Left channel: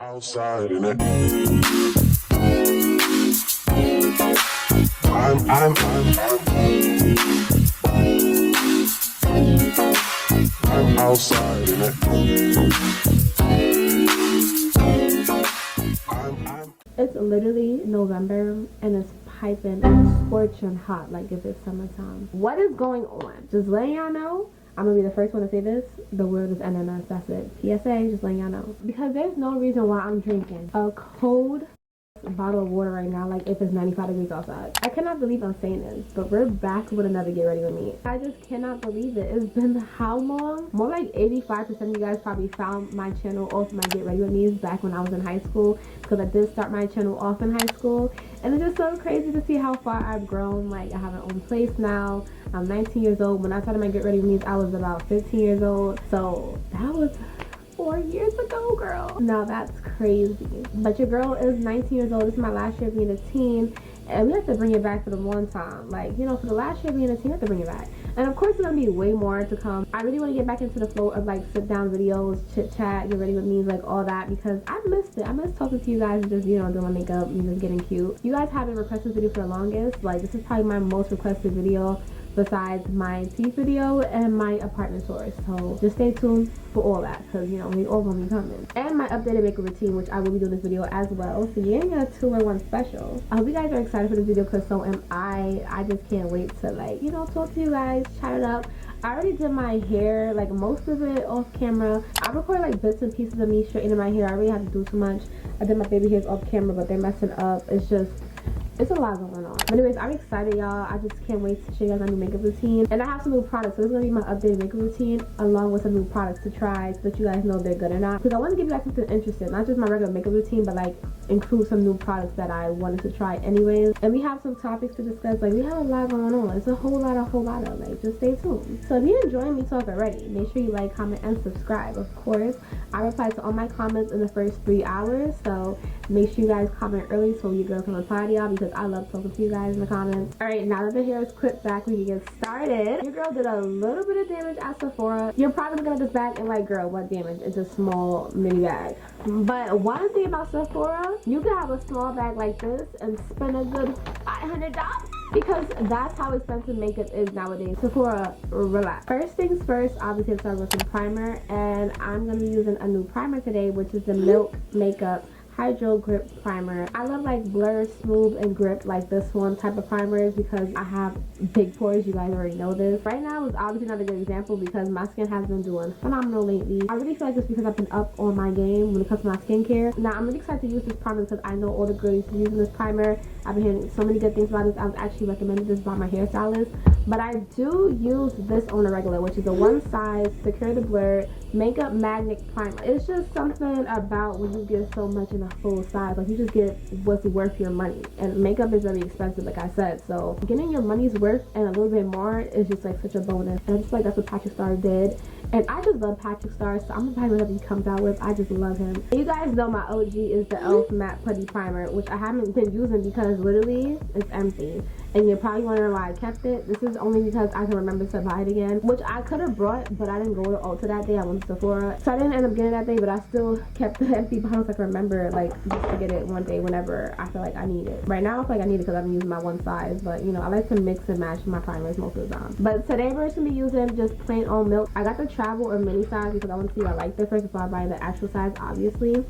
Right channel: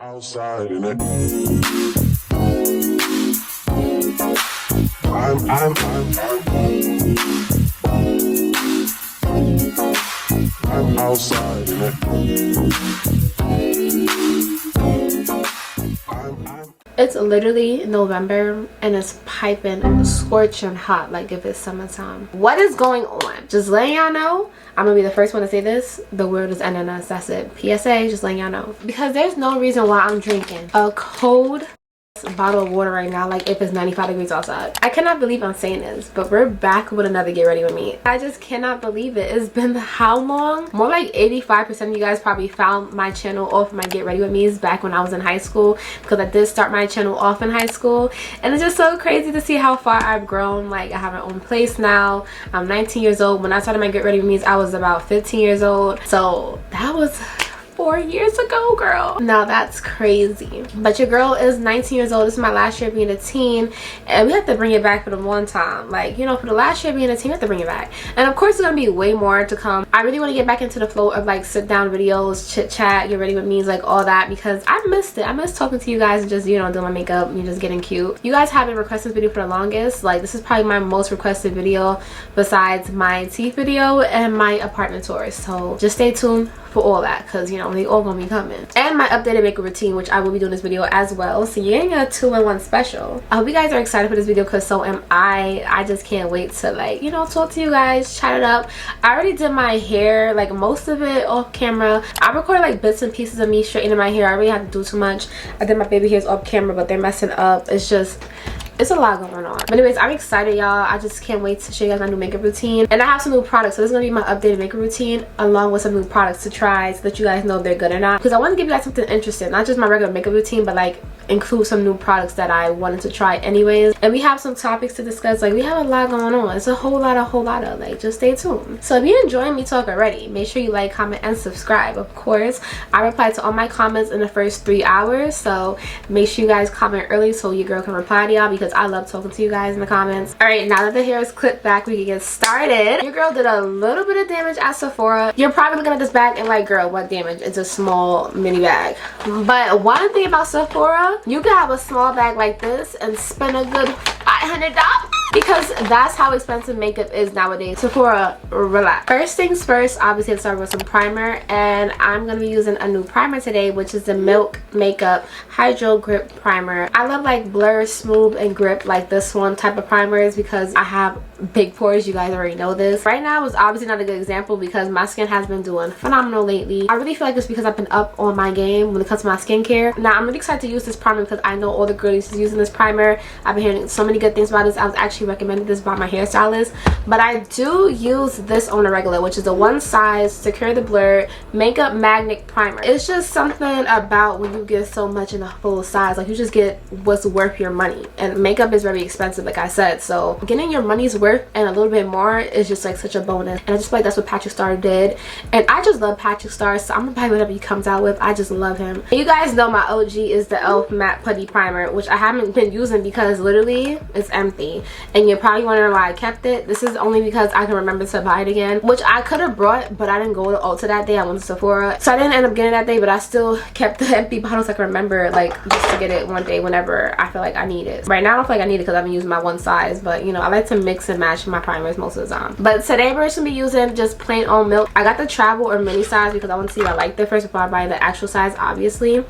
outside in it. I'm outside in it. It's literally November and it's piping scorching hot like if it's summertime. What is going on? Just letting y'all know. I'm gonna be the first one to say this. The world is ending us. That's it. PSA, just letting y'all know. Because there's no reason why I'm drinking a cold bottle of water right now like if it's 95 degrees outside. I cannot believe I'm saying this, but we're back with another Get Ready With Me. I just cannot believe it. It's been how long? More like 85% of you guys probably found my channel off my Get Ready With Me's back when I was in high school, because I did start my channel off in high school, and it's just so crazy to see how far I've grown. Like, I have my own place now. I'm 19 years old. When I started my Get Ready With Me's, I was about 15 years old, so that was 4 years ago, girl. Now that's crazy. But your girl is 19 years old. This is my last year being a teen, and we have to bring it back for the one time. Like, you know, for the last year being a teen, we have to bring it back. And of course, there's gonna be way more to come. I really want to get back into the flow of like sit down videos, chit chat, Get Ready With Me, like all that, because I missed it. I miss talking to you guys and just, you know, doing my makeup and just getting cute. You guys have been requesting this video for the longest. Like, this is probably my most requested video besides my teeth video and my apartment tour. So just stay tuned for all that, because you know they all gonna be coming. And my updated makeup routine, which I will be doing this video as well, so you ain't got a 2-in-1 special. I hope you guys are excited for this video, because so am I just can't wait to, like, you know, talk to you guys, chat it up. I already did my hair, like most of it off camera. I recorded like bits and pieces of me straightening my hair. I really have to do too much. I did my baby hairs off camera, but they're messing up. It's a lot going on. But anyways, I'm excited, y'all. I just can't wait to show you guys my new makeup routine. And I have some new products. So this is going to be my updated makeup routine along with some new products to try so that you guys know if they're good or not. Because I want to give you guys something interesting. Not just my regular makeup routine, but like include some new products that I wanted to try anyways. And we have some topics to discuss. Like, we have a lot going on. It's a whole lot of like, just stay tuned. So if you're enjoying me talk already, make sure you like, comment, and subscribe. Of course, I reply to all my comments in the first 3 hours. So make sure you guys comment early so your girl can reply to y'all, because I love talking to you guys in the comments. All right, now that the hair is clipped back, we can get started. Your girl did a little bit of damage at Sephora. You're probably looking at this bag and like, girl, what damage? It's a small mini bag. But one thing about Sephora, you can have a small bag like this and spend a good $500, because that's how expensive makeup is nowadays. Sephora, relax. First things first, obviously let's start with some primer, and I'm gonna be using a new primer today, which is the Milk Makeup Hydro Grip Primer. I love like blur, smooth, and grip like this one type of primers because I have big pores. You guys already know this. Right now is obviously not a good example because my skin has been doing phenomenal lately. I really feel like it's because I've been up on my game when it comes to my skincare. Now I'm really excited to use this primer because I know all the girlies is using this primer. I've been hearing so many good things about this. I was actually recommended this by my hairstylist, but I do use this on a regular, which is a one size secure the blur makeup magnet primer. It's just something about when you get so much in a full size, like you just get what's worth your money, and makeup is very expensive, like I said, so getting your money's worth and a little bit more is just like such a bonus. And I just feel like that's what Patrick Star did, and I just love Patrick Star, so I'm gonna buy whatever he comes out with. I just love him. And you guys know my OG is the e.l.f. matte putty primer, which I haven't been using because literally it's empty, and you're probably wondering why I kept it. This is only because I can remember to buy it again, which I could have brought, but I didn't go to Ulta that day. I went to Sephora, so I didn't end up getting it that day, but I still kept the empty bottles. I can remember, like, just to get it one day whenever I feel like I need it. Right now I don't feel like I need it because I've been using my one size, but you know, I like to mix and match my primers most of the time. But today we're just gonna be using just plain old Milk. I got the travel or mini size because I want to see if I like it first before I buy the actual size, obviously.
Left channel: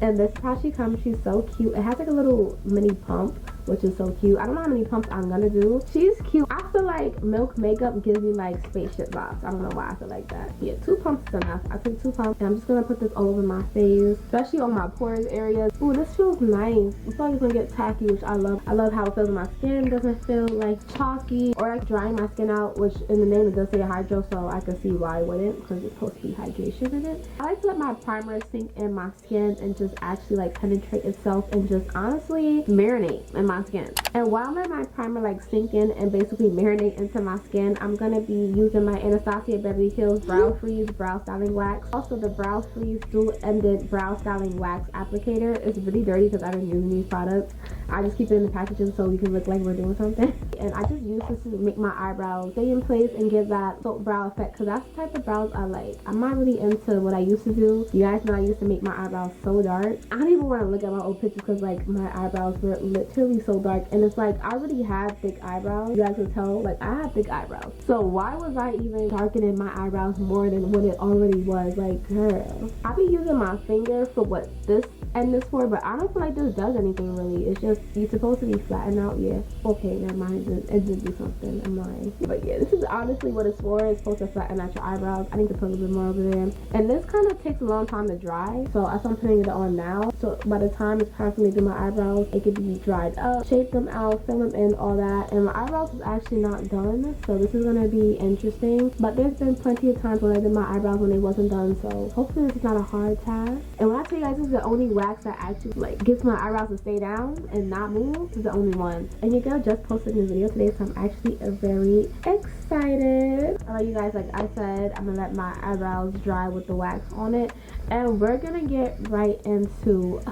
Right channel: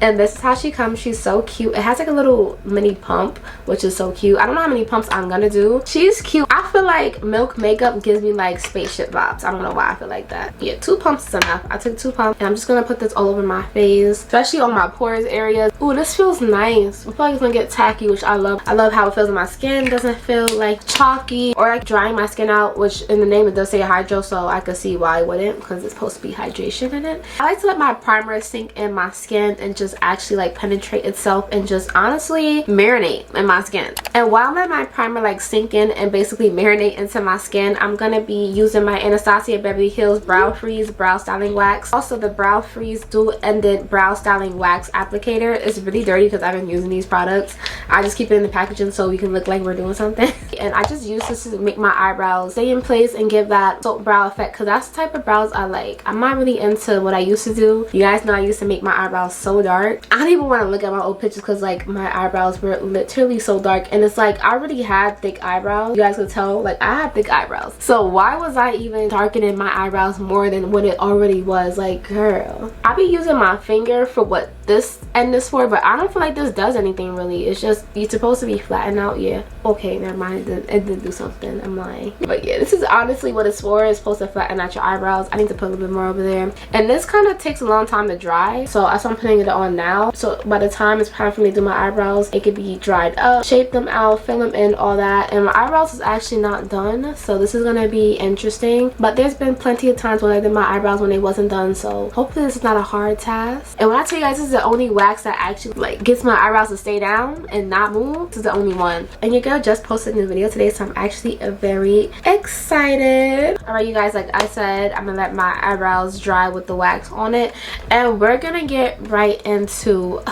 And this is how she comes. She's so cute. It has like a little mini pump, which is so cute. I don't know how many pumps I'm gonna do. She's cute. I feel like Milk makeup gives me like spaceship vibes. I don't know why I feel like that. Yeah, 2 pumps is enough. I took 2 pumps, and I'm just gonna put this all over my face, especially on my pores areas. Ooh, this feels nice. I feel like it's gonna get tacky, which I love. I love how it feels in my skin. It doesn't feel like chalky or like drying my skin out, which in the name it does say hydro, so I could see why it wouldn't, because it's supposed to be hydration in it. I like to let my primer sink in my skin and just actually like penetrate itself and just honestly marinate in my skin. And while I'm letting my primer like sink in and basically marinate into my skin, I'm gonna be using my Anastasia Beverly Hills Brow Freeze Brow Styling Wax. Also the Brow Freeze Dual Ended Brow Styling Wax Applicator. It's really dirty because I've been using these products. I just keep it in the packaging so we can look like we're doing something. And I just use this to make my eyebrows stay in place and give that soap brow effect, because that's the type of brows I like. I'm not really into what I used to do. You guys know I used to make my eyebrows so dark. I don't even want to look at my old pictures because like my eyebrows were literally so dark, and it's like I already had thick eyebrows. You guys can tell like I have thick eyebrows, so why was I even darkening my eyebrows more than what it already was? Like, girl, I be using my finger for what this end is for, but I don't feel like this does anything really. It's just you're supposed to be flattened out. Yeah, okay, never mind, it did do something, I'm lying. But yeah, this is honestly what it's for. It's supposed to flatten out your eyebrows. I need to put a little bit more over there, and this kind of takes a long time to dry, so that's why I'm putting it on now. So by the time it's time for me to do my eyebrows, it could be dried up, shape them out, fill them in, all that. And my eyebrows is actually not done, so this is gonna be interesting. But there's been plenty of times when I did my eyebrows when they wasn't done, so hopefully this is not a hard task. And when I tell you guys, this is the only wax that actually like gets my eyebrows to stay down and not move. This is the only one. And your girl just posted a new video today, so I'm actually very excited. All right, you guys, like I said, I'm gonna let my eyebrows dry with the wax on it, and we're gonna get right into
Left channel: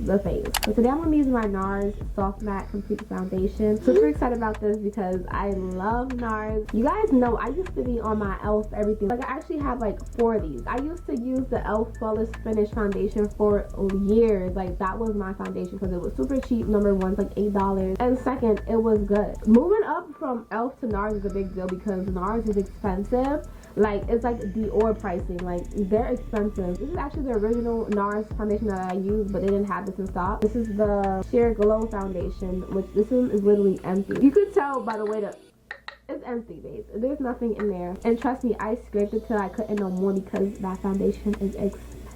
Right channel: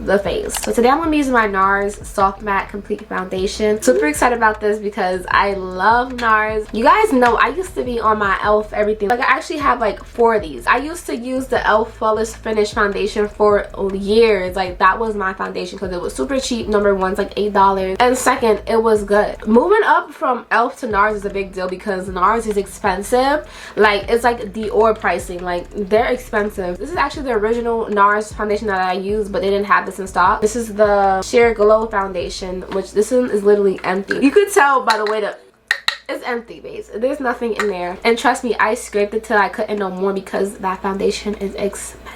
the face. So today I'm gonna be using my NARS Soft Matte Complete Foundation. Super excited about this because I love NARS. You guys know I used to be on my e.l.f. everything. Like I actually have like 4 of these. I used to use the e.l.f. Flawless Finish foundation for years. Like that was my foundation because it was super cheap. Number one, it's like $8, and second, it was good. Moving up from e.l.f. to NARS is a big deal because NARS is expensive. Like it's like Dior pricing. Like they're expensive. This is actually the original NARS foundation that I used, but they didn't have this in stock. This is the Sheer Glow foundation, which this one is literally empty. You could tell by the way that it's empty, base. There's nothing in there, and trust me, I scraped it till I couldn't no more because that foundation is expensive.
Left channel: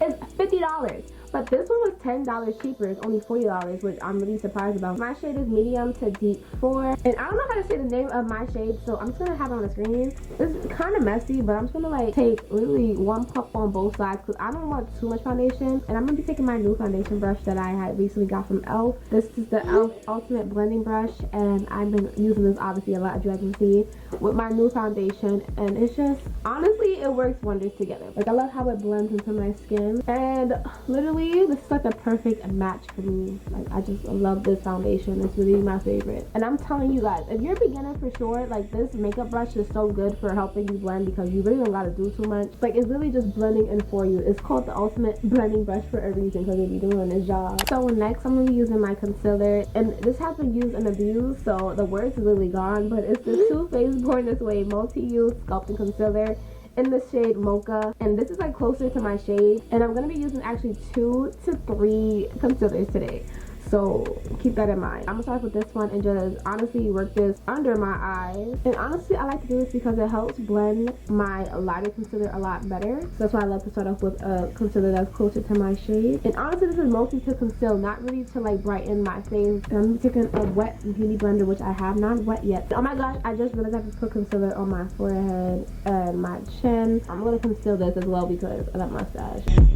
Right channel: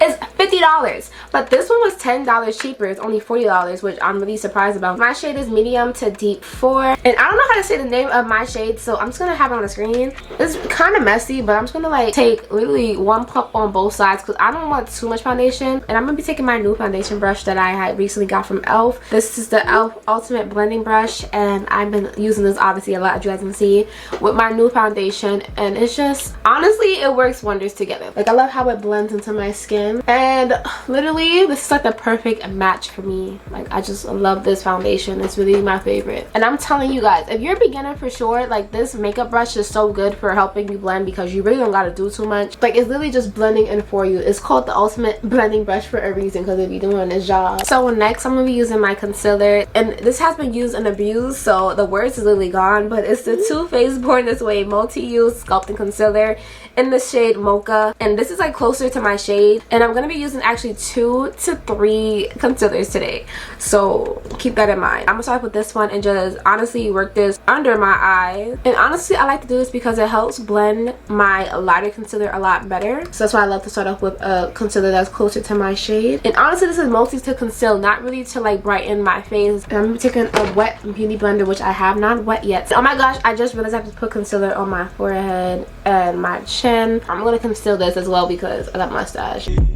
It's $50, but this one was $10 cheaper. It's only $40, which I'm really surprised about. My shade is medium to deep 4, and I don't know how to say the name of my shade, so I'm just gonna have it on the screen. It's kind of messy, but I'm just gonna like take literally 1 pump on both sides because I don't want too much foundation. And I'm gonna be taking my new foundation brush that I had recently got from e.l.f. This is the e.l.f. Ultimate Blending Brush, and I've been using this obviously a lot, as you guys can see, with my new foundation, and it's just honestly it works wonders together. Like I love how it blends into my skin, and literally this is like the perfect match for me. Like I just love this foundation. It's really my favorite, and I'm telling you guys, if you're a beginner, for sure, like this makeup brush is so good for helping you blend because you really don't gotta do too much. Like it's literally just blending in for you. It's called the Ultimate Blending Brush for a reason, because it be doing its job. So next I'm gonna be using my concealer, and this has been used and abused, so the words is literally gone, but it's the Too Faced Born This Way multi-use sculpting concealer in the shade Mocha, and this is like closer to my shade, and I'm gonna be using actually 2 to 3 concealers today, so keep that in mind. I'm gonna start with this one and just honestly work this under my eyes. And honestly I like to do this because it helps blend my lighter concealer a lot better, so that's why I love to start off with a concealer that's closer to my shade. And honestly this is mostly to conceal, not really to like brighten my face. And I'm taking a wet beauty blender, which I have not wet yet. Oh my gosh, I just realized I have to put concealer on my forehead and my chin. I'm gonna conceal this as well because I got mustache. And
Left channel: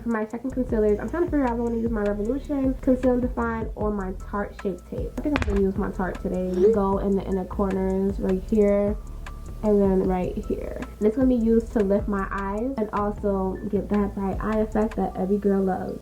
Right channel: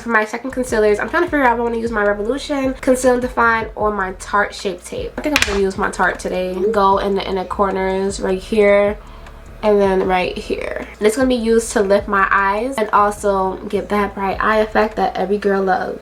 for my second concealers, I'm trying to figure out if I want to use my Revolution Conceal and Define or my Tarte Shape Tape. I think I'm gonna use my Tarte today. Go in the inner corners right here and then right here. And it's gonna be used to lift my eyes and also give that bright eye effect that every girl loves.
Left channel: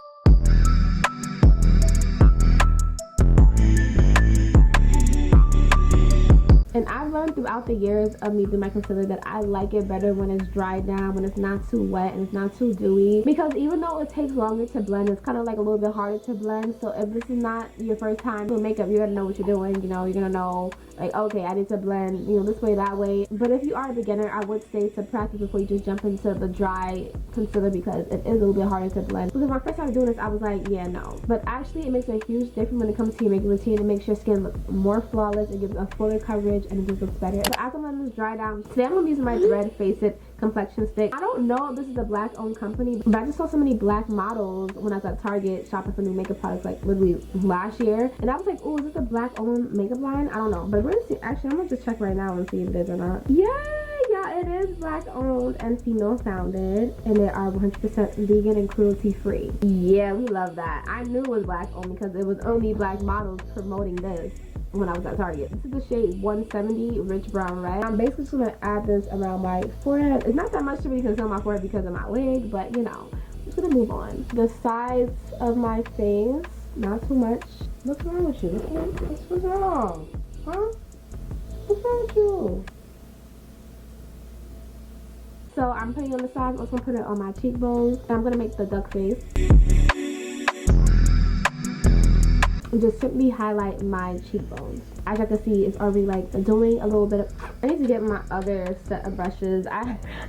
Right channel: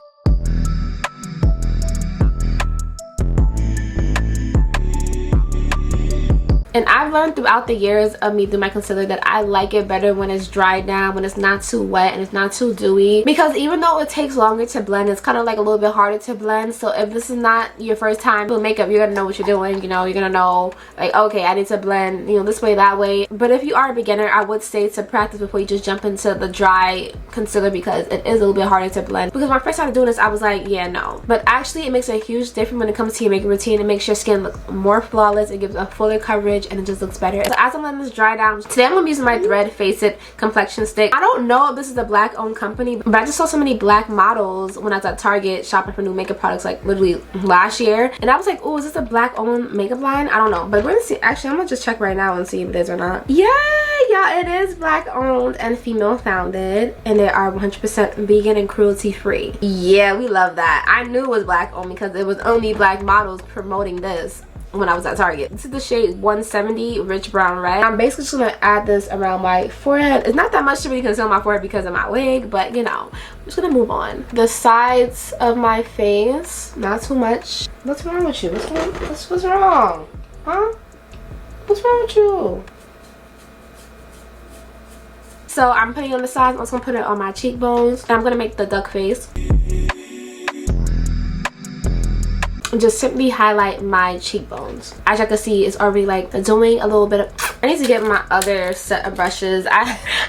And I've learned throughout the years of me doing my concealer that I like it better when it's dried down, when it's not too wet and it's not too dewy. Because even though it takes longer to blend, it's kind of like a little bit harder to blend. So if this is not your first time doing makeup, you're gonna know what you're doing. You know, you're gonna know like, okay, I need to blend, you know, this way, that way. But if you are a beginner, I would say to practice before you just jump into the dry concealer because it is a little bit harder to blend. Because when I first started doing this, I was like, yeah, no. But actually, it makes a huge difference when it comes to your makeup routine. It makes your skin look more flawless. It gives a fuller coverage and it just looks better. So as I'm letting this dry down, today I'm gonna be using my Thread Face It complexion stick. I don't know if this is a black owned company, but I just saw so many black models when I was at Target shopping for new makeup products like literally last year, and I was like, oh, is this a black owned makeup line? I don't know, but we're gonna see. Actually, I'm gonna just check right now and see if it is or not. Yeah, y'all, it is black owned and female founded, and they are 100% vegan and cruelty free. Yeah, we love that. I knew it was black owned because it was only black models promoting this when I was at Target. This is the shade 170 Rich Brown Red. I'm basically just gonna add this around my forehead. It's not that much to really conceal my forehead because of my wig, but you know, I'm just gonna move on. The sides of my face, not too much. What's wrong with you? What's wrong? Huh? What's wrong with you? So I'm putting it on the sides. I'm also gonna put it on my cheekbones, and I'm gonna make the duck face. Just simply highlight my cheekbones. As you can see, it's already like doing a little bit of, I need to get my other set of brushes. I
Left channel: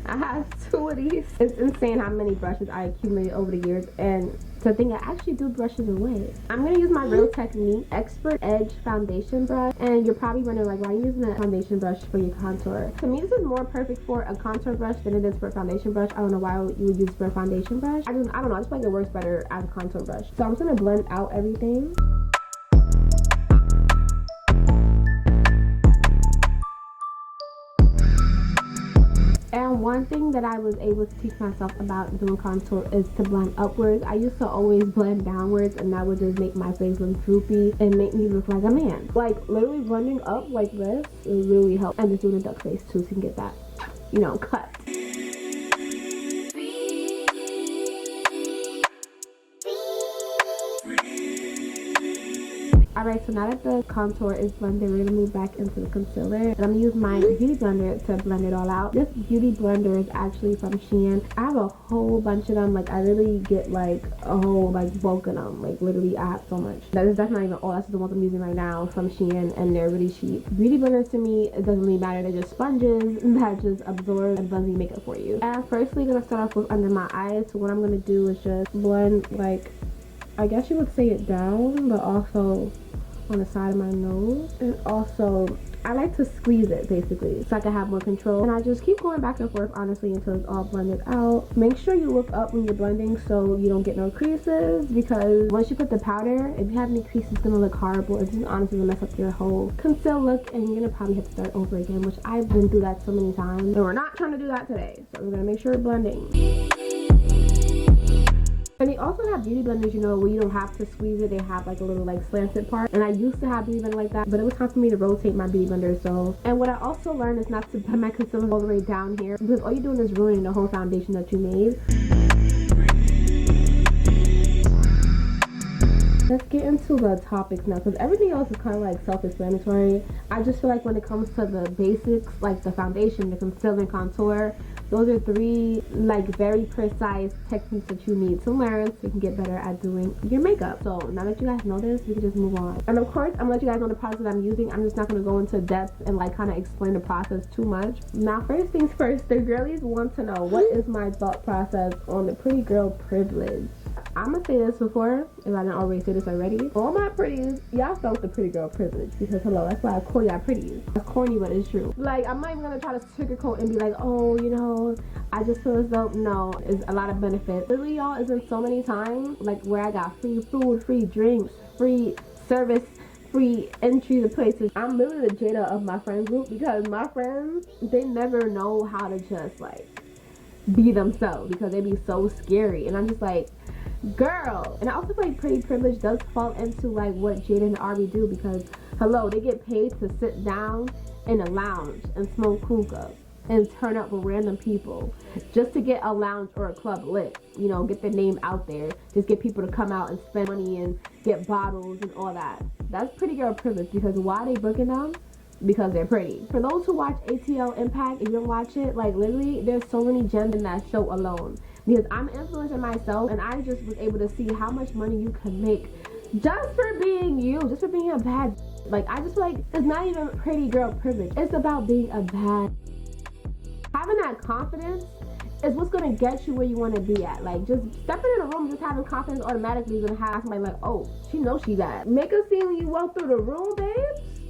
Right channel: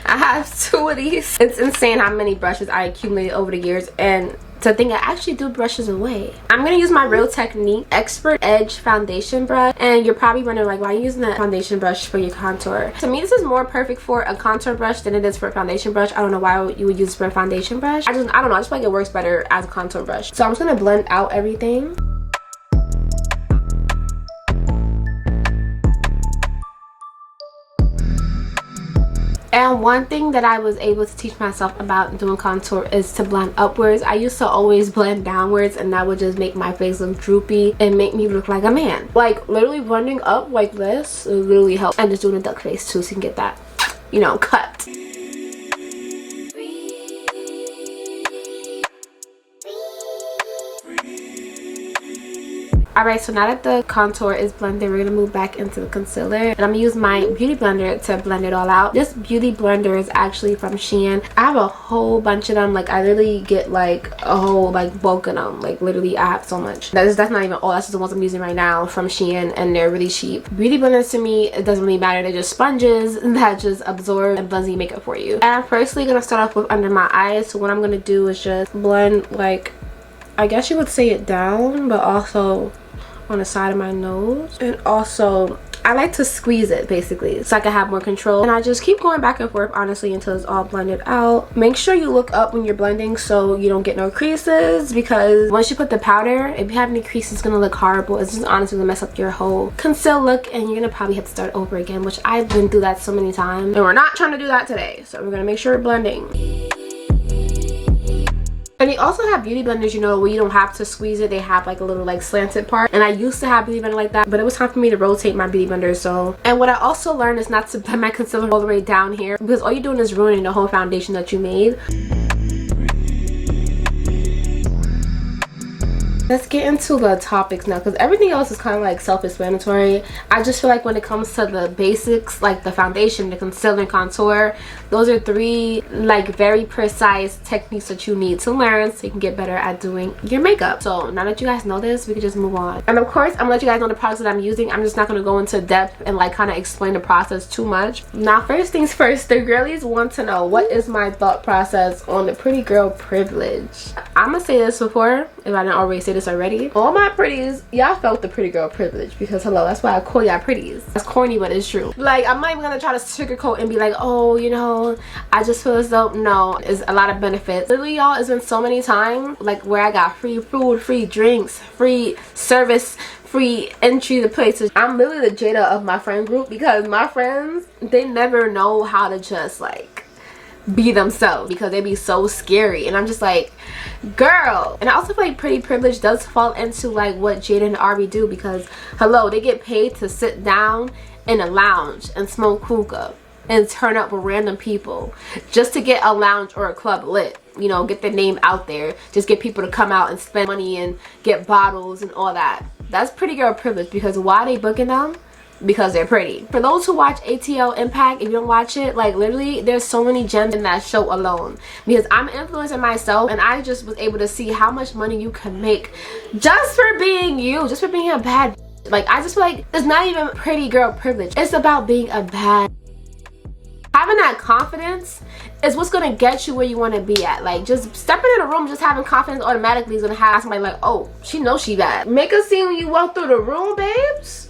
have 2 of these. It's insane how many brushes I accumulated over the years, and to think I actually do brushes away. I'm gonna use my Real Technique Expert Edge foundation brush, and you're probably wondering like, why are you using that foundation brush for your contour? To me, this is more perfect for a contour brush than it is for a foundation brush. I don't know why you would use it for a foundation brush. I don't know, I just feel like it works better as a contour brush. So I'm just gonna blend out everything. And one thing that I was able to teach myself about doing contour is to blend upwards. I used to always blend downwards, and that would just make my face look droopy and make me look like a man. Like literally blending up like this, it literally helps. And just doing a duck face too, so you can get that, you know, cut. Alright, so now that the contour is blended, we're gonna move back into the concealer, and I'm gonna use my beauty blender to blend it all out. This beauty blender is actually from Shein. I have a whole bunch of them. Like I literally get like a whole like bulk of them. Like literally I have so much. That's not even all. That's just the ones I'm using right now from Shein, and they're really cheap. Beauty blenders to me, it doesn't really matter. They're just sponges that just absorb and blends your makeup for you. And I'm firstly gonna start off with under my eyes. So what I'm gonna do is just blend, like, I guess you would say it down, but also on the side of my nose. And also I like to squeeze it basically so I can have more control, and I just keep going back and forth honestly until it's all blended out. Make sure you look up when you're blending so you don't get no creases, because once you put the powder, if you have any creases, it's gonna look horrible. It's just honestly gonna mess up your whole conceal look, and you're gonna probably have to start over again, which I've been through that so many times, and we're not trying to do that today. So we're gonna make sure we're blending. And they also have beauty blenders, you know, where you don't have to squeeze it. They have like a little like slanted part, and I used to have beauty blender like that, but it was time for me to rotate my beauty blender. So, and what I also learned is not to put my concealer all the way down here, because all you're doing is ruining the whole foundation that you made. Let's get into the topics now, because everything else is kind of like self-explanatory. I just feel like when it comes to the basics, like the foundation, the concealer, and contour, those are 3 like very precise techniques that you need to learn so you can get better at doing your makeup. So now that you guys know this, we can just move on. And of course, I'm gonna let you guys know the products that I'm using. I'm just not gonna go into depth and like kind of explain the process too much. Now, first things first, the girlies want to know what is my thought process on the pretty girl privilege. I'm gonna say this before, if I didn't already say this already. All my pretties, y'all felt the pretty girl privilege, because hello, that's why I call y'all pretties. That's corny, but it's true. Like, I'm not even gonna try to sugarcoat and be like, oh, you know, I just feel as though, no, it's a lot of benefits. Literally, y'all, it's been so many times like where I got free food, free drinks, free service, free entry to places. I'm really the Jada of my friend group, because my friends, they never know how to just like be themselves, because they be so scary, and I'm just like, girl. And I also feel like pretty privilege does fall into like what Jada and Ari do, because hello, they get paid to sit down in a lounge and smoke hookah and turn up with random people just to get a lounge or a club lit, you know, get their name out there, just get people to come out and spend money and get bottles and all that. That's pretty girl privilege, because why are they booking them? Because they're pretty. For those who watch ATL Impact, if you don't watch it, like literally there's so many gems in that show alone, because I'm an influencer myself, and I just was able to see how much money you can make just for being you, just for being a bad. Like, I just feel like it's not even pretty girl privilege, it's about being a bad. Having that confidence is what's gonna get you where you want to be at. Like, just stepping in a room, just having confidence automatically is gonna have somebody like, oh, she knows she bad. Make a scene when you walk through the room, babes.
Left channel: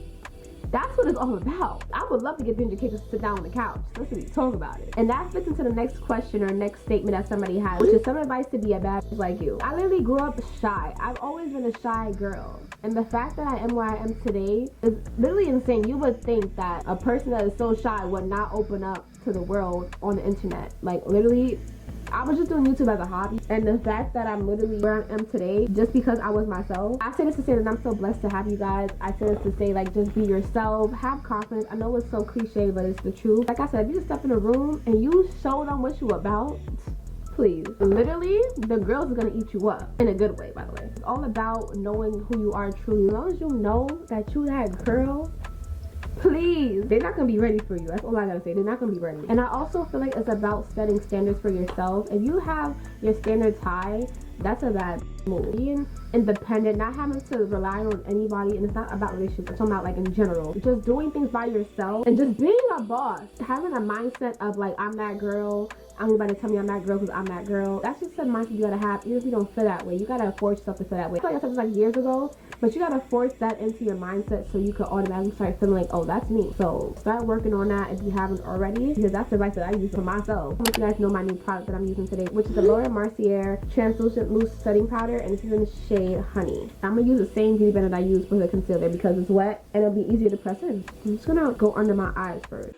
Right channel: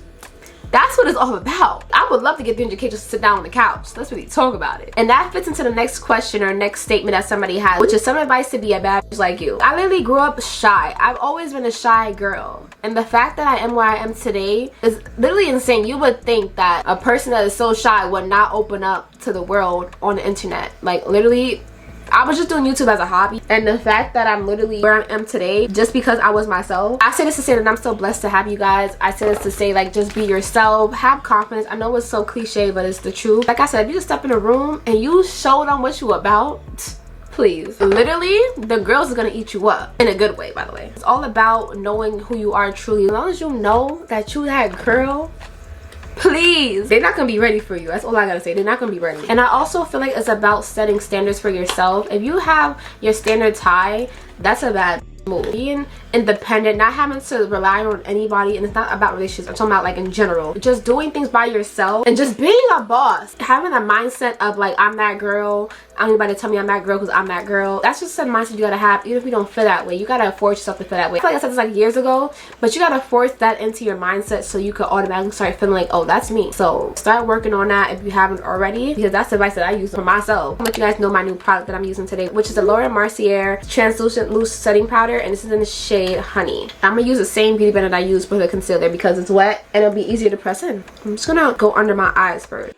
That's what it's all about. I would love to get 300K just to sit down on the couch. Let's really talk about it. And that fits into the next question or next statement that somebody has, which is some advice to be a bad bitch like you. I literally grew up shy. I've always been a shy girl. And the fact that I am where I am today is literally insane. You would think that a person that is so shy would not open up to the world on the internet. Like literally, I was just doing YouTube as a hobby, and the fact that I'm literally where I am today just because I was myself. I say this to say that I'm so blessed to have you guys. I say this to say, like, just be yourself, have confidence. I know it's so cliche, but it's the truth. Like I said, if you just step in a room and you show them what you about, please, literally the girls are gonna eat you up, in a good way, by the way. It's all about knowing who you are truly. As long as you know that you that girl, please, they're not gonna be ready for you. That's all I gotta say. They're not gonna be ready. And I also feel like it's about setting standards for yourself. If you have your standards high, that's a bad move. Being independent, not having to rely on anybody, and it's not about relationships, I'm talking about like in general, just doing things by yourself and just being a boss, having a mindset of like, I'm that girl, I don't need anybody to tell me I'm that girl because I'm that girl. That's just a mindset you gotta have. Even if you don't feel that way, you gotta force yourself to feel that way. I feel like I said this like years ago, but you gotta force that into your mindset so you could automatically start feeling like, oh, that's me. So start working on that if you haven't already, because that's the advice that I use for myself. I'm gonna let you guys know my new product that I'm using today, which is the Laura Mercier translucent loose setting powder, and this is in the shade Honey. I'm gonna use the same beauty blender that I use for the concealer because it's wet and it'll be easier to press in. I'm just gonna go under my eyes first.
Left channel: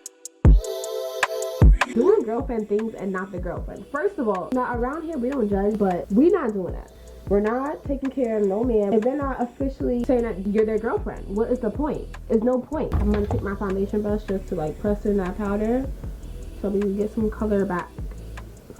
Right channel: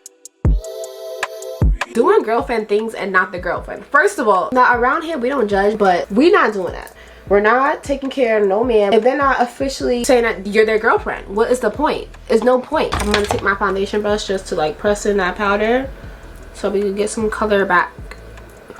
Doing girlfriend things and not the girlfriend. First of all, now around here we don't judge, but we're not doing that. We're not taking care of no man if they're not officially saying that you're their girlfriend. What is the point? There's no point. I'm gonna take my foundation brush just to like press in that powder so we can get some color back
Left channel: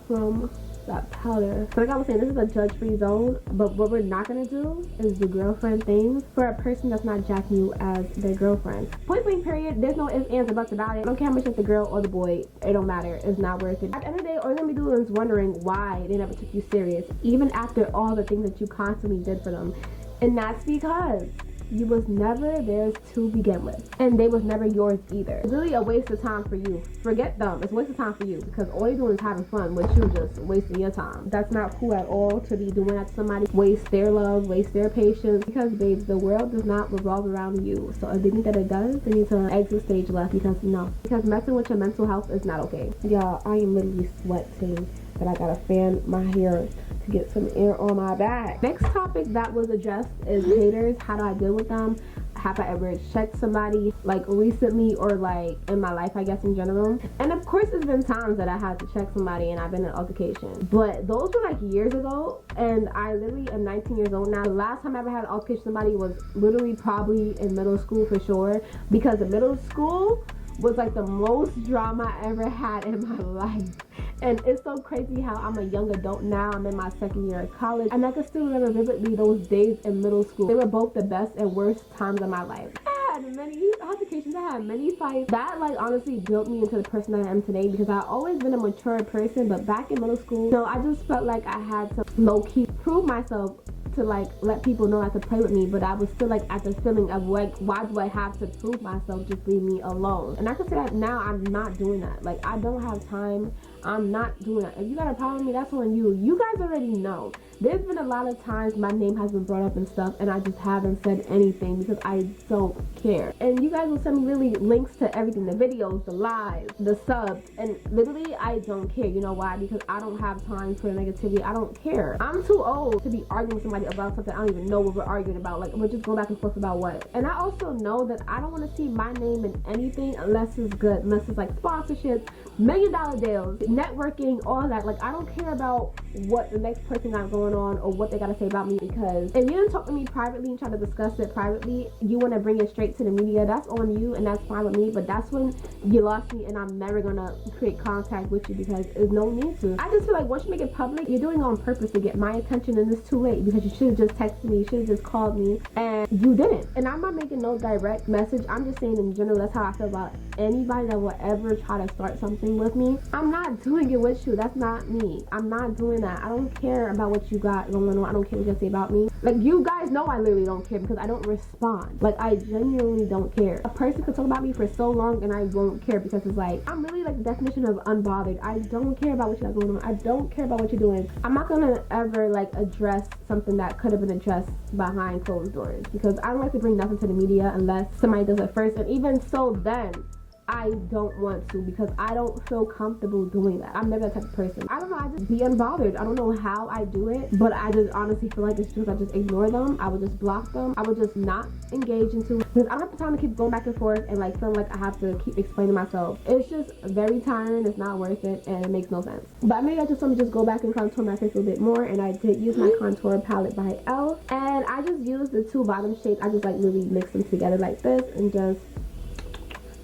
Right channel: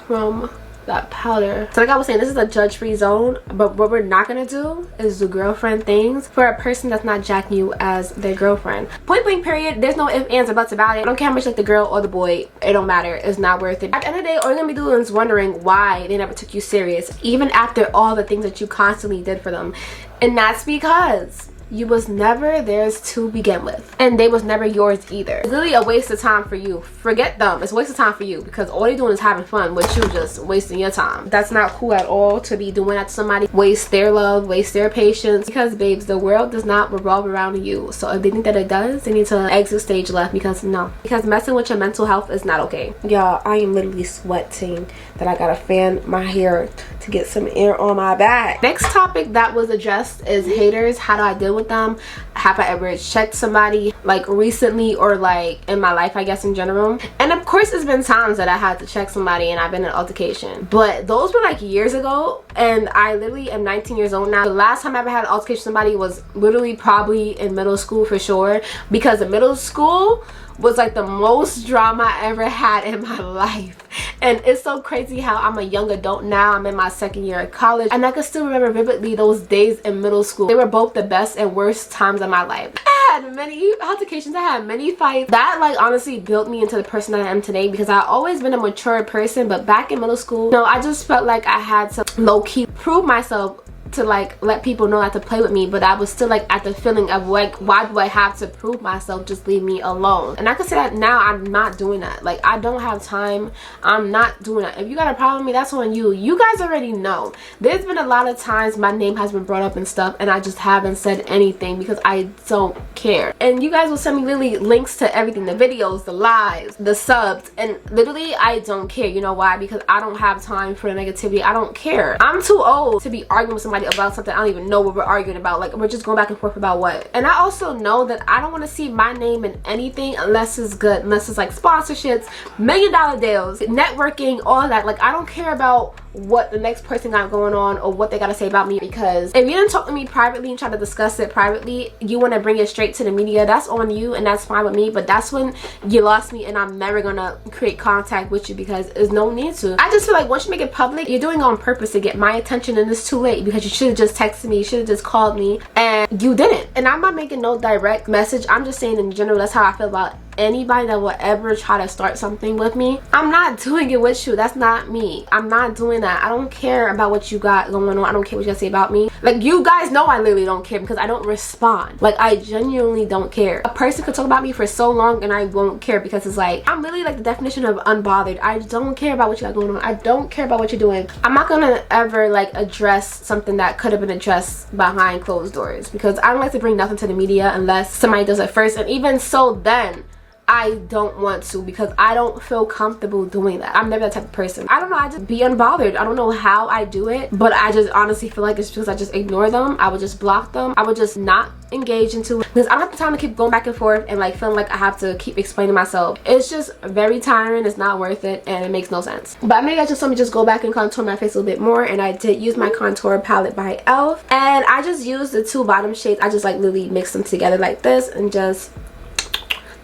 from that powder. So like I was saying, this is a judge-free zone, but what we're not gonna do is do girlfriend things for a person that's not jacking you as their girlfriend. Point blank period. There's no ifs, ands, or buts about it. I don't care how much like the girl or the boy, it don't matter. It's not worth it. At the end of the day, all you're gonna be doing is wondering why they never took you serious, even after all the things that you constantly did for them. And that's because you was never theirs to begin with, and they was never yours either. It's literally a waste of time for you. Forget them. It's a waste of time for you because all they're doing is having fun with you, just wasting your time. That's not cool at all to be doing that to somebody. Waste their love, waste their patience, because babes, the world does not revolve around you. So if they think that it does, they need to exit stage left, because no, because messing with your mental health is not okay. Y'all, I am literally sweating that I gotta fan my hair to get some air on my back. Next topic that was addressed is haters. How do I deal with them? Have I ever checked somebody like recently or like in my life, I guess, in general? And of course there's been times that I had to check somebody and I've been in an altercation, but those were like years ago, and I literally am 19 years old now. The last time I ever had an altercation with somebody was literally probably in middle school for sure, because in middle school was like the most drama I ever had in my life. And it's so crazy how I'm a young adult now. I'm in my second year of college, and I can still remember vividly those days in middle school. They were both the best and worst times of my life. I had many altercations, I had many fights. That like honestly built me into the person that I am today, because I've always been a mature person, but back in middle school, no, I just felt like I had to low-key prove myself to like let people know not to play with me, but I was still like at the feeling of like, why do I have to prove myself? Just leave me alone. And I can say that now, I'm not doing that. Like, I don't have time. I'm not doing that. If you got a problem with me, that's on you. You guys already know. There's been a lot of times my name has been brought up and stuff, and I just haven't said anything because I don't care. And you guys will send me literally links to everything, the videos, the lives, the subs, and literally I don't care. You know why? Because I don't have time for the negativity. I don't care. I'm too old to be arguing with somebody about something I don't even know what we're arguing about. Like, we're just going back and forth about what. And I also know that I don't want to see my name in anything unless it's good, unless it's like sponsorships, $1 million deals, networking, all that. Like, I don't care about what the next person got going on or what they gotta say about me, because if you didn't talk to me privately and try to discuss it privately, you want to bring it straight to the media, that's on you, and that's fine with me. But that's when you lost me, and I'm never gonna create contact with you because there's no need to. I just feel like once you make it public, you're doing it on purpose to get my attention, and it's too late, because you should have just texted me, you should have just called me, and you didn't. And I'm not making no direct message, I'm just saying in general, that's how I feel about anybody that will ever try to start something with me, I'm not doing it with you. That's not me. I'm not doing that. I don't care about what you got going on. I don't care what you guys say about me. Like, you guys know I literally don't care because I don't respond. Like, I genuinely don't care. A person could talk about me for so long and I won't care because it's like, I'm literally like the definition of unbothered. I don't care about what you got going on. I don't care about what you're doing. I'm not gonna ever like address something that could have been addressed behind closed doors because I don't like to bring nothing to the media unless somebody does it first, and even so then I don't want to because I don't feel comfortable doing that. I'm never that type of person. I don't know, I just be unbothered. I don't know how I do it, but I just honestly feel like it's because I just ignore them. I would just block them. I would just not engage into it because I don't have the time to keep going back and forth and like feeling like I have to keep explaining myself. It's just very tiring. It's not worth it and it makes no sense. But I know you guys just saw me just go back and contour my face a little bit more, and I did use my contour palette by e.l.f. and I just used the two bottom shades. I just like literally mix them together like this and just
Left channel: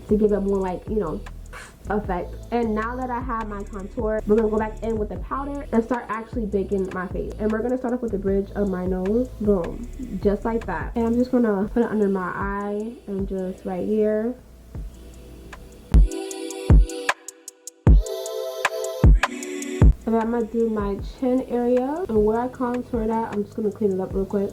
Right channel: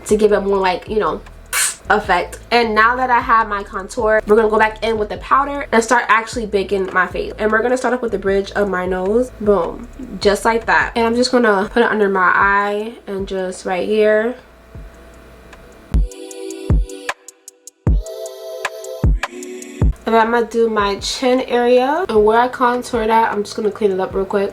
to give it more like, you know, effect. And now that I have my contour, we're gonna go back in with the powder and start actually baking my face. And we're gonna start off with the bridge of my nose. Boom, just like that. And I'm just gonna put it under my eye and just right here. And then I'm gonna do my chin area, and where I contour that, I'm just gonna clean it up real quick.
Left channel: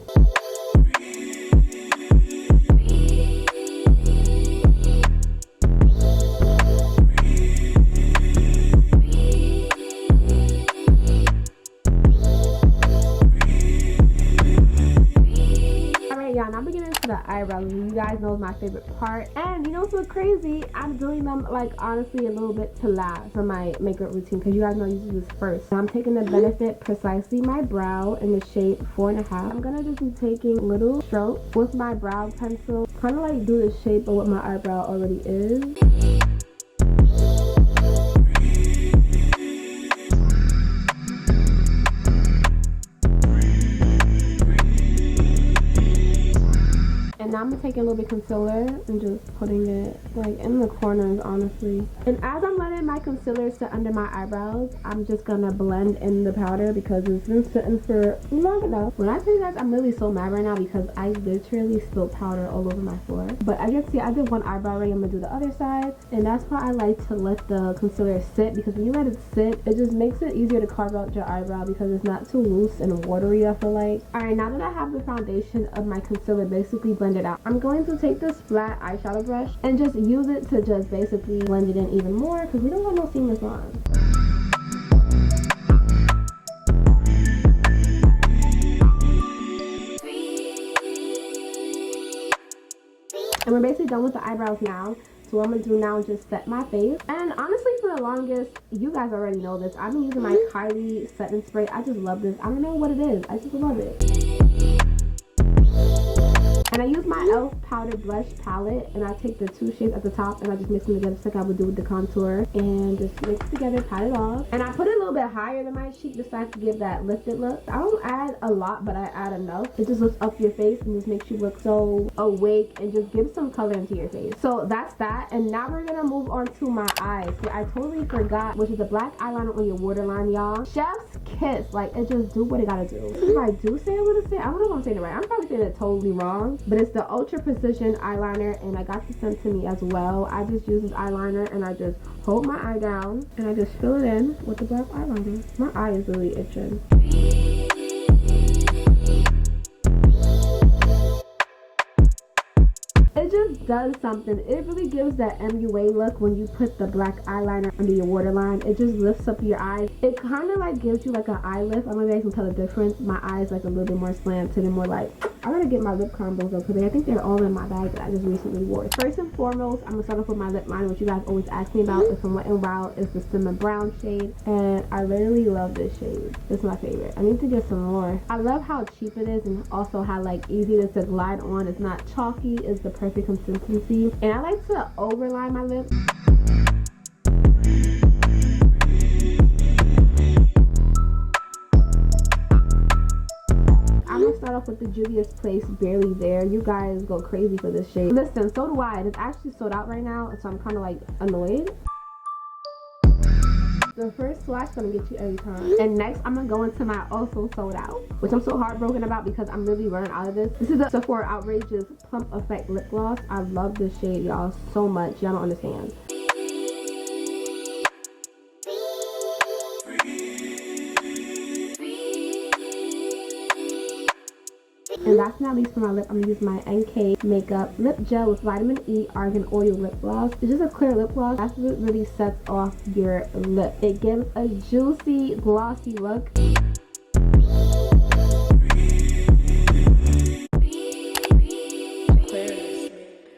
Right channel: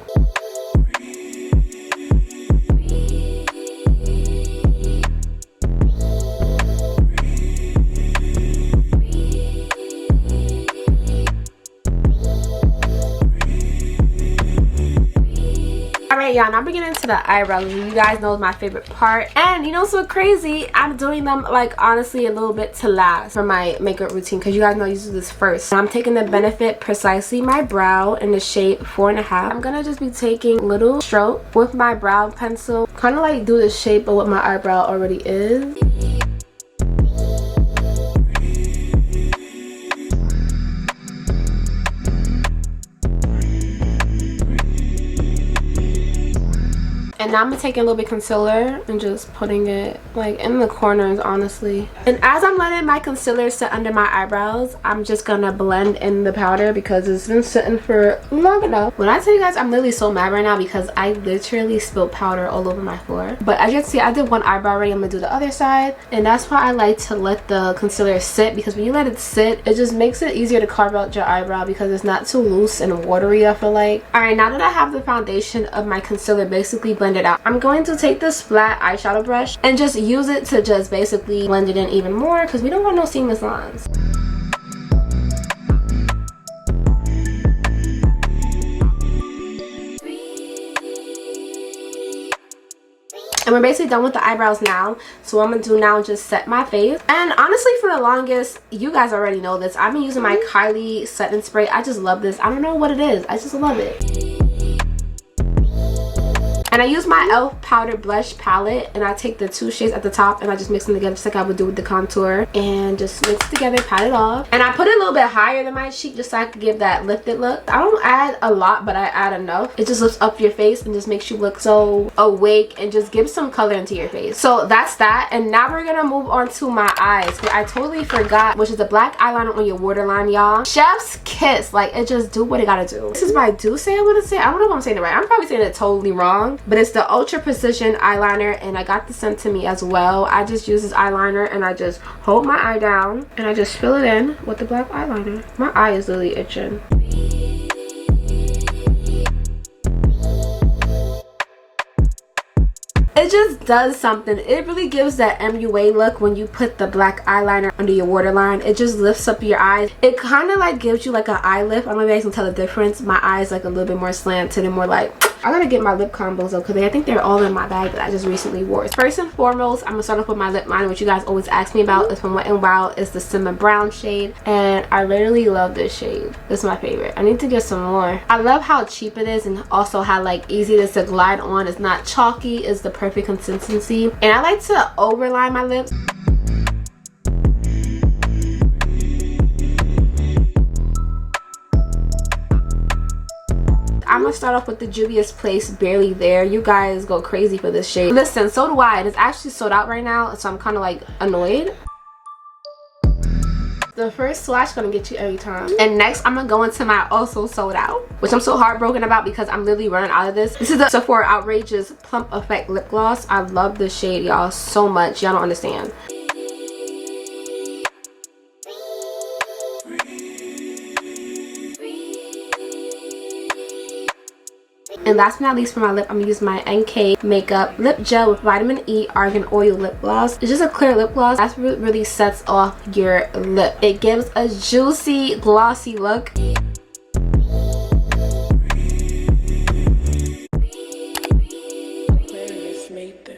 Yeah, now I'm beginning to the eyebrows. You guys know my favorite part, and you know, so crazy, I'm doing them like honestly a little bit to last for my makeup routine because you guys know I use this first. And I'm taking the Benefit Precisely My Brow in the shade 4.5. I'm gonna just be taking little stroke with my brow pencil, kind of like do the shape of what my eyebrow already is. And now I'm gonna take a little bit of concealer and just putting it like in the corners, honestly. And as I'm letting my concealer sit under my eyebrows, I'm just gonna blend in the powder because it's been sitting for long enough. When I tell you guys, I'm literally so mad right now because I literally spilled powder all over my floor. But as you can see, I did one eyebrow already. I'm gonna do the other side. And that's why I like to let the concealer sit, because when you let it sit, it just makes it easier to carve out your eyebrow because it's not too loose and watery, I feel like. Alright, now that I have the foundation of my concealer basically blended out, I'm going to take this flat eyeshadow brush and just use it to just basically blend it in even more because we don't want no seamless lines. And we're basically done with the eyebrows now. So what I'm gonna do now is just set my face. And honestly, for the longest, you guys already know this, I've been using my Kylie setting spray. I just love this. I don't know what it is, I just love it. And I use my e.l.f. powder blush palette, and I take the two shades at the top and I just mix them together just like I would do with the contour, and just mix it together, pat it off. And I put it a little bit higher than my cheek just so I could give that lifted look. I don't add a lot, but I add enough. It just lifts up your face and just makes you look so awake and just gives some color into your face. So that's that. And now we're gonna move on to my eyes. I totally forgot, which is a black eyeliner on your waterline, y'all. Chef's kiss. Like, it just do what it gotta do. This is what I do say I want to say. I don't know if I'm saying it right. I'm probably saying it totally wrong, but it's the Ultra Precision eyeliner, and I got this sent to me as well. I just use this eyeliner and I just hold my eye down and I just fill it in with the black eyeliner. My eye is literally itching. It just does something. It really gives that MUA look when you put the black eyeliner under your waterline. It just lifts up your eyes. It kind of like gives you like an eye lift. I don't know if you guys can tell the difference. My eyes like a little bit more slanted and more like... I gotta get my lip combos though, because I think they're all in my bag that I just recently wore. First and foremost, I'm gonna start off with my lip liner, which you guys always ask me about. It's from Wet n Wild. It's the Cinnamon Brown shade, and I literally love this shade. This is my favorite. I need to get some more. I love how cheap it is, and also how like easy it is to glide on. It's not chalky. It's the perfect consistency. And I like to overline my lips. I'm gonna start off with the Juvia's Place Barely There. You guys go crazy for this shade. Listen, so do I. And it's actually sold out right now, so I'm kind of like annoyed. The first swatch gonna get you every time. And next I'm gonna go into my also sold out, which I'm so heartbroken about because I'm literally running out of this. This is the Sephora Outrageous Plump Effect Lip Gloss. I love this shade, y'all, so much. Y'all don't understand. And last but not least, for my lip, I'm gonna use my NK Makeup Lip Gel with Vitamin E Argan Oil Lip Gloss. It's just a clear lip gloss. That's what really sets off your lip. It gives a juicy, glossy look. Aquarius made this.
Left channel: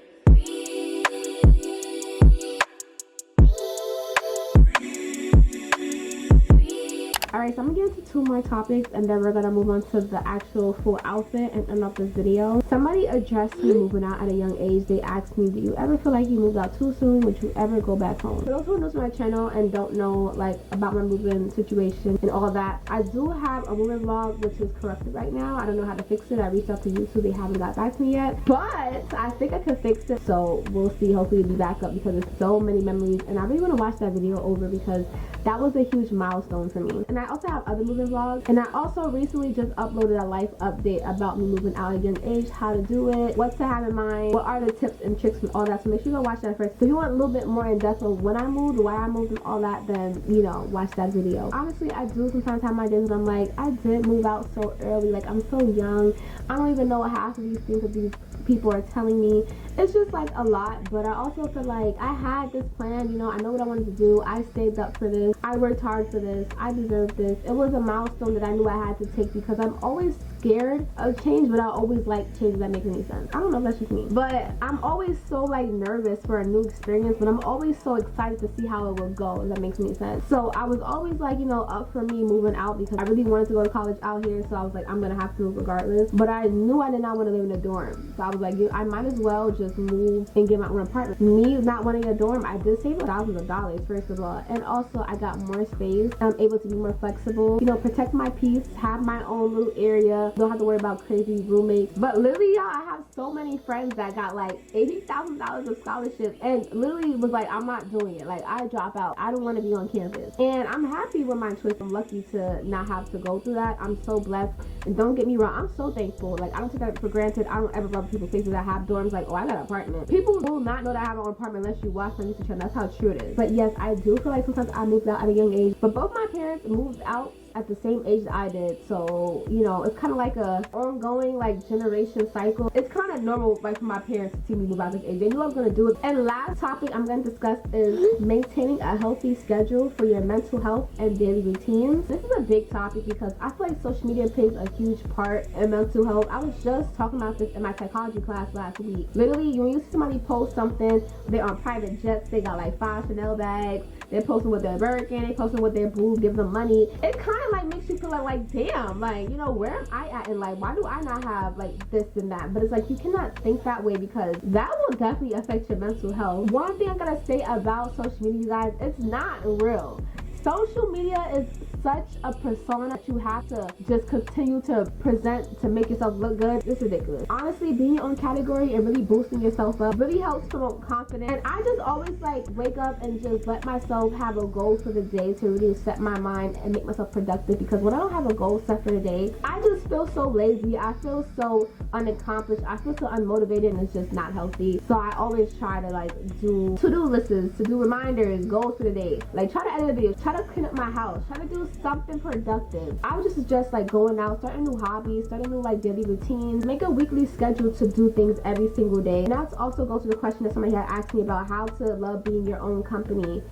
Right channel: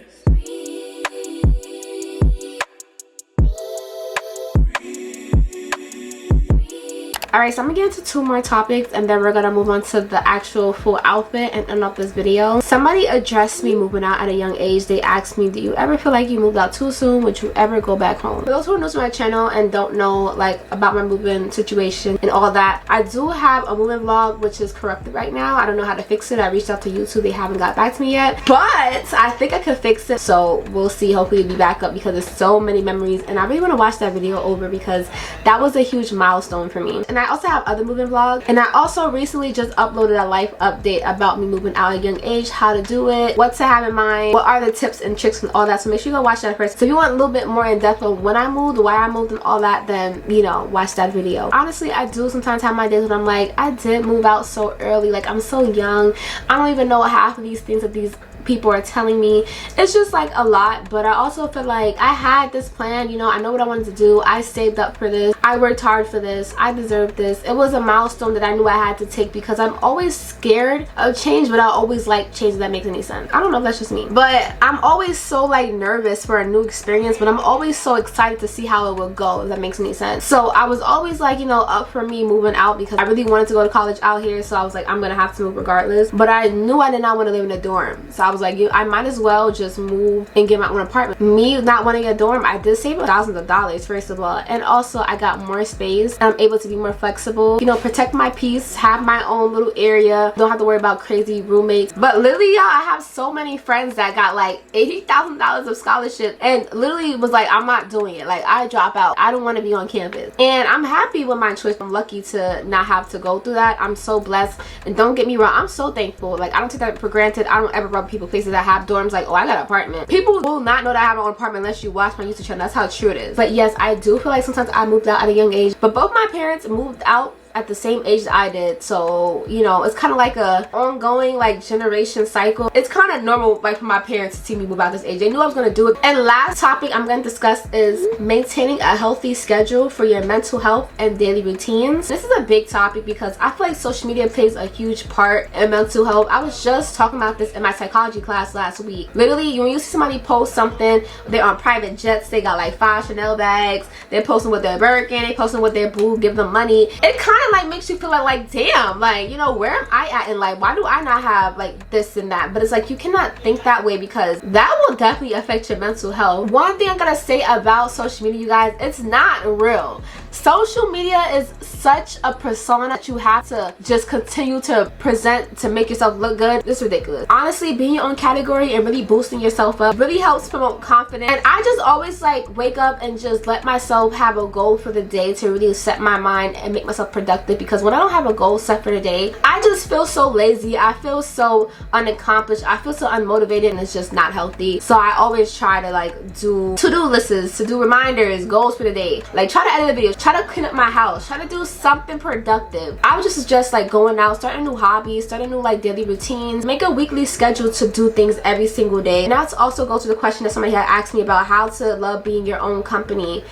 Alright, so I'm gonna get into 2 more topics and then we're gonna move on to the actual full outfit and end up this video. Somebody addressed me moving out at a young age. They asked me, do you ever feel like you moved out too soon? Would you ever go back home? For those who are new to my channel and don't know like about my moving situation and all that, I do have a moving vlog which is corrupted right now. I don't know how to fix it. I reached out to YouTube. They haven't got back to me yet, but I think I could fix it, so we'll see. Hopefully it'll be back up because there's so many memories and I really want to watch that video over because that was a huge milestone for me. And I also have other moving vlogs, and I also recently just uploaded a life update about me moving out at a young age, how to do it, what to have in mind, what are the tips and tricks and all that. So make sure you go watch that first. So if you want a little bit more in depth of when I moved, why I moved and all that, then you know, watch that video. Honestly, I do sometimes have my days when I'm like, I did move out so early, like I'm so young, I don't even know half of these things that these people are telling me. It's just like a lot, but I also feel like I had this plan, you know, I know what I wanted to do. I saved up for this, I worked hard for this, I deserved this. It was a milestone that I knew I had to take because I'm always scared of change, but I always like change that makes any sense. I don't know if that's just me, but I'm always so like nervous for a new experience, but I'm always so excited to see how it will go, if that makes any sense. So I was always like, you know, up for me moving out because I really wanted to go to college out here, so I was like, I'm gonna have to move regardless. But I knew I did not want to live in a dorm, so I was like, I might as well just move and get my own apartment. Me not wanting a dorm, I did save thousands of dollars first of all, and also I got more space and I'm able to be more flexible, you know, protect my peace, have my own little area, don't have to worry about crazy roommates. But literally, y'all, I have so many friends that got like $80,000 of scholarship and literally was like, I'm not doing it, like I drop out, I don't want to be on campus. And I'm happy with my choice. I'm lucky to not have to go through that. I'm so blessed, and don't get me wrong, I'm so thankful. Like I don't take that for granted. I don't ever rub people faces that have dorms like, oh, I got an apartment. People will not know that I have my own apartment unless you watch my YouTube channel. That's how true it is. But yes, I do feel like sometimes I moved out at a young age, but both my parents moved out at the same age that I did, so you know, it's kind of like a ongoing like generation cycle. It's kind of normal like for my parents to see me move out this age. They knew I was going to do it. And last topic I'm going to discuss is maintaining a healthy schedule for your mental health and daily routines. This is a big topic because I feel like social media plays a huge part in mental health. I was just talking about this in my psychology class last week. Literally, when you see somebody post something, they're on private jets, they got like 5 Chanel bags, they're posting with their Birkin, they posting with their boo, give them money. It kind of like makes you feel like damn, like, you know, where am I at in life? Why do I not have like this and that? But it's like, you cannot think that way because that will definitely affect your mental health. One thing I'm gonna say about social media, you guys, it's not real. Social media is such a persona that you have to just continue to present to make yourself look good. It's ridiculous. Honestly, being your own category and really boosting yourself up really helps promote confidence. And I just always like wake up and just let myself have a goal for the day to really set my mind and make myself productive, because when I don't have a goal set for the day, I just feel so lazy, I feel so unaccomplished, I feel so unmotivated, and it's just not healthy. So I always try to like do to-do lists, to do reminders, goals for the day, like try to edit a video, try to clean up my house, try to do something productive. I would just suggest like going out, starting new hobbies, starting new like daily routines, make a weekly schedule to do things every single day. And that's also go to the question that somebody had asked me about how to love being your own company.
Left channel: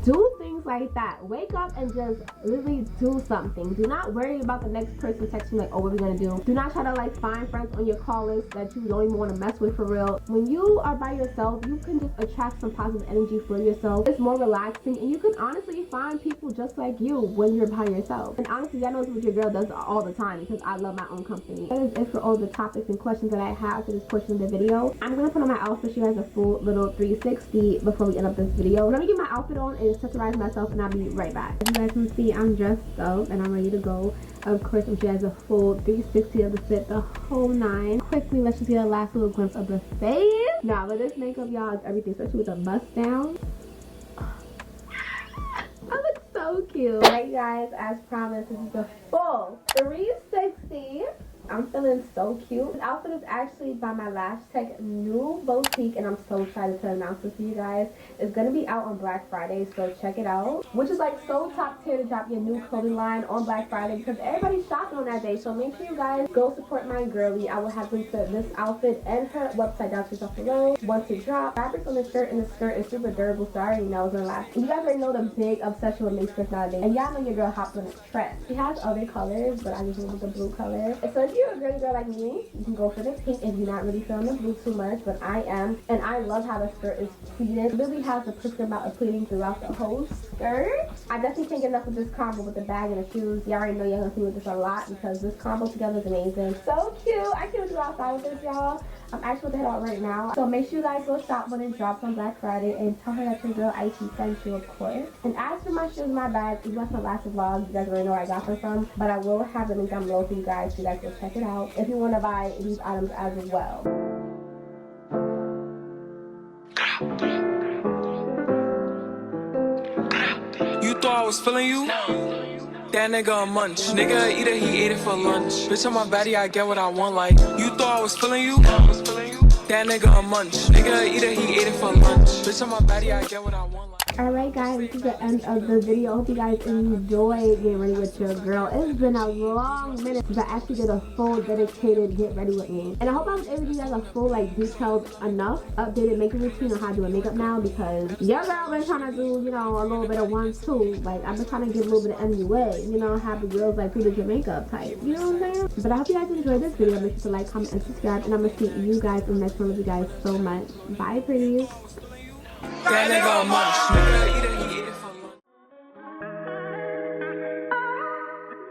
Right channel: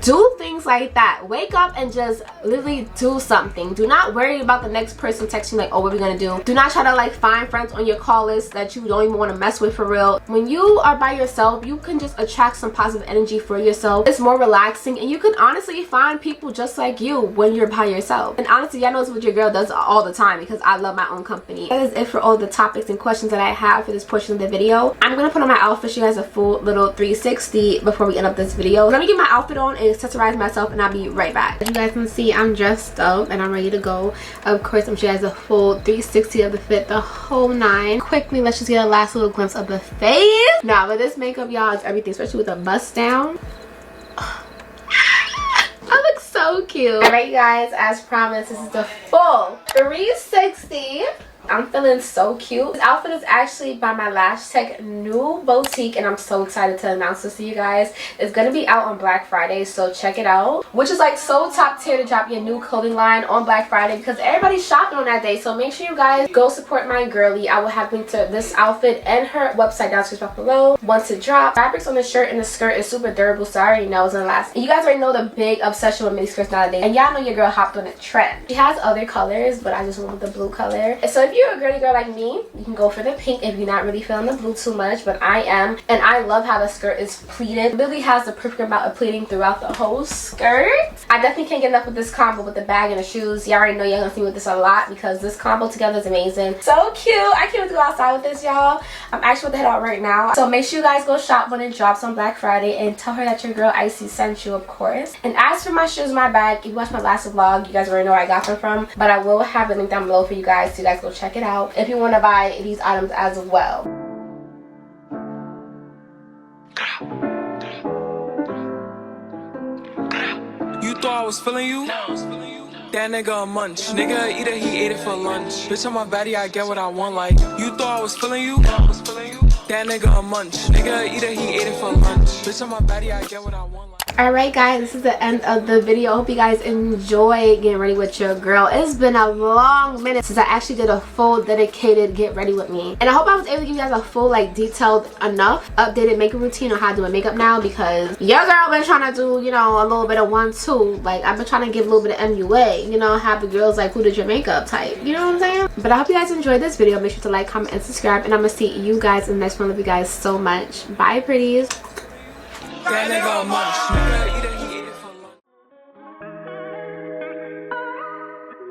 Do things like that. Wake up and just literally do something. Do not worry about the next person texting like, oh, what are we gonna do? Do not try to like find friends on your call list that you don't even want to mess with for real. When you are by yourself, you can just attract some positive energy for yourself. It's more relaxing, and you can honestly find people just like you when you're by yourself. And honestly, I know it's what your girl does all the time because I love my own company. That is it for all the topics and questions that I have for this portion of the video. I'm gonna put on my outfit, you guys, a full little 360 before we end up this video. Let me get my outfit on and accessorize myself, and I'll be right back. As you guys can see, I'm dressed up and I'm ready to go. Of course, I'm showing you guys a full 360 of the fit, the whole 9. Quickly, let's just get a last little glimpse of the face. Now, with this makeup, y'all, it's everything, especially with the bust down. I look so So cute. Alright, you guys, as promised, this is the full 360. I'm feeling so cute. This outfit is actually by my Lash Tech new boutique, and I'm so excited to announce this to you guys. It's gonna be out on Black Friday, so check it out. Which is like so top tier to drop your new clothing line on Black Friday because everybody's shopping on that day. So make sure you guys go support my girly. I will have link to this outfit and her website down below once it drops. Fabrics on the shirt and the skirt is super durable, so I already know it's gonna last. And you guys already know the big obsession with mini skirts nowadays, and y'all know your girl hopped on a trend. She has other colors, but I just went with the blue color. And so if you're a girly girl like me, you can go for the pink if you're not really feeling the blue too much, but I am. And I love how the skirt is pleated. It really has the perfect amount of pleating throughout the whole skirt. I definitely can't get enough with this combo with the bag and the shoes. Y'all already know y'all gonna see with this a lot because this combo together is amazing. So cute. I can't wait to go outside with this, y'all. I'm actually about to head out right now. So make sure you guys go shop when it drops on Black Friday and tell her that your girl Icy sent you, of course. And as for my shoes, my bag, if you watched my last vlog, you guys already know where I got them from, but I will have the link down below for you guys, so you guys go check it out if you want to buy these items as well. You thought I was feeling you? That nigga a munch. Nigga eat it, he ate it for lunch. Bitch on my body, I get what I want. Like, you thought I was feeling you? That nigga a munch. Nigga eat it, he ate it for lunch. Bitch on my body, I get what I want. Alright guys, this is the end of the video. I hope you guys enjoy getting ready with your girl. It's been a long minute since I actually did a full dedicated get ready with me, and I hope I was able to give you guys a full, like, detailed enough updated makeup routine on how to do my makeup now, because your girl been trying to do, you know, a little bit of 1-2. Like, I've been trying to give a little bit of MUA, you know, have the girls like, who did your makeup type, you know what I'm saying? But I hope you guys enjoyed this video. Make sure to like, comment, and subscribe, and I'm gonna see you guys in the next one. Love you guys so much. Bye, pretties. That nigga a munch. Nigga eat it.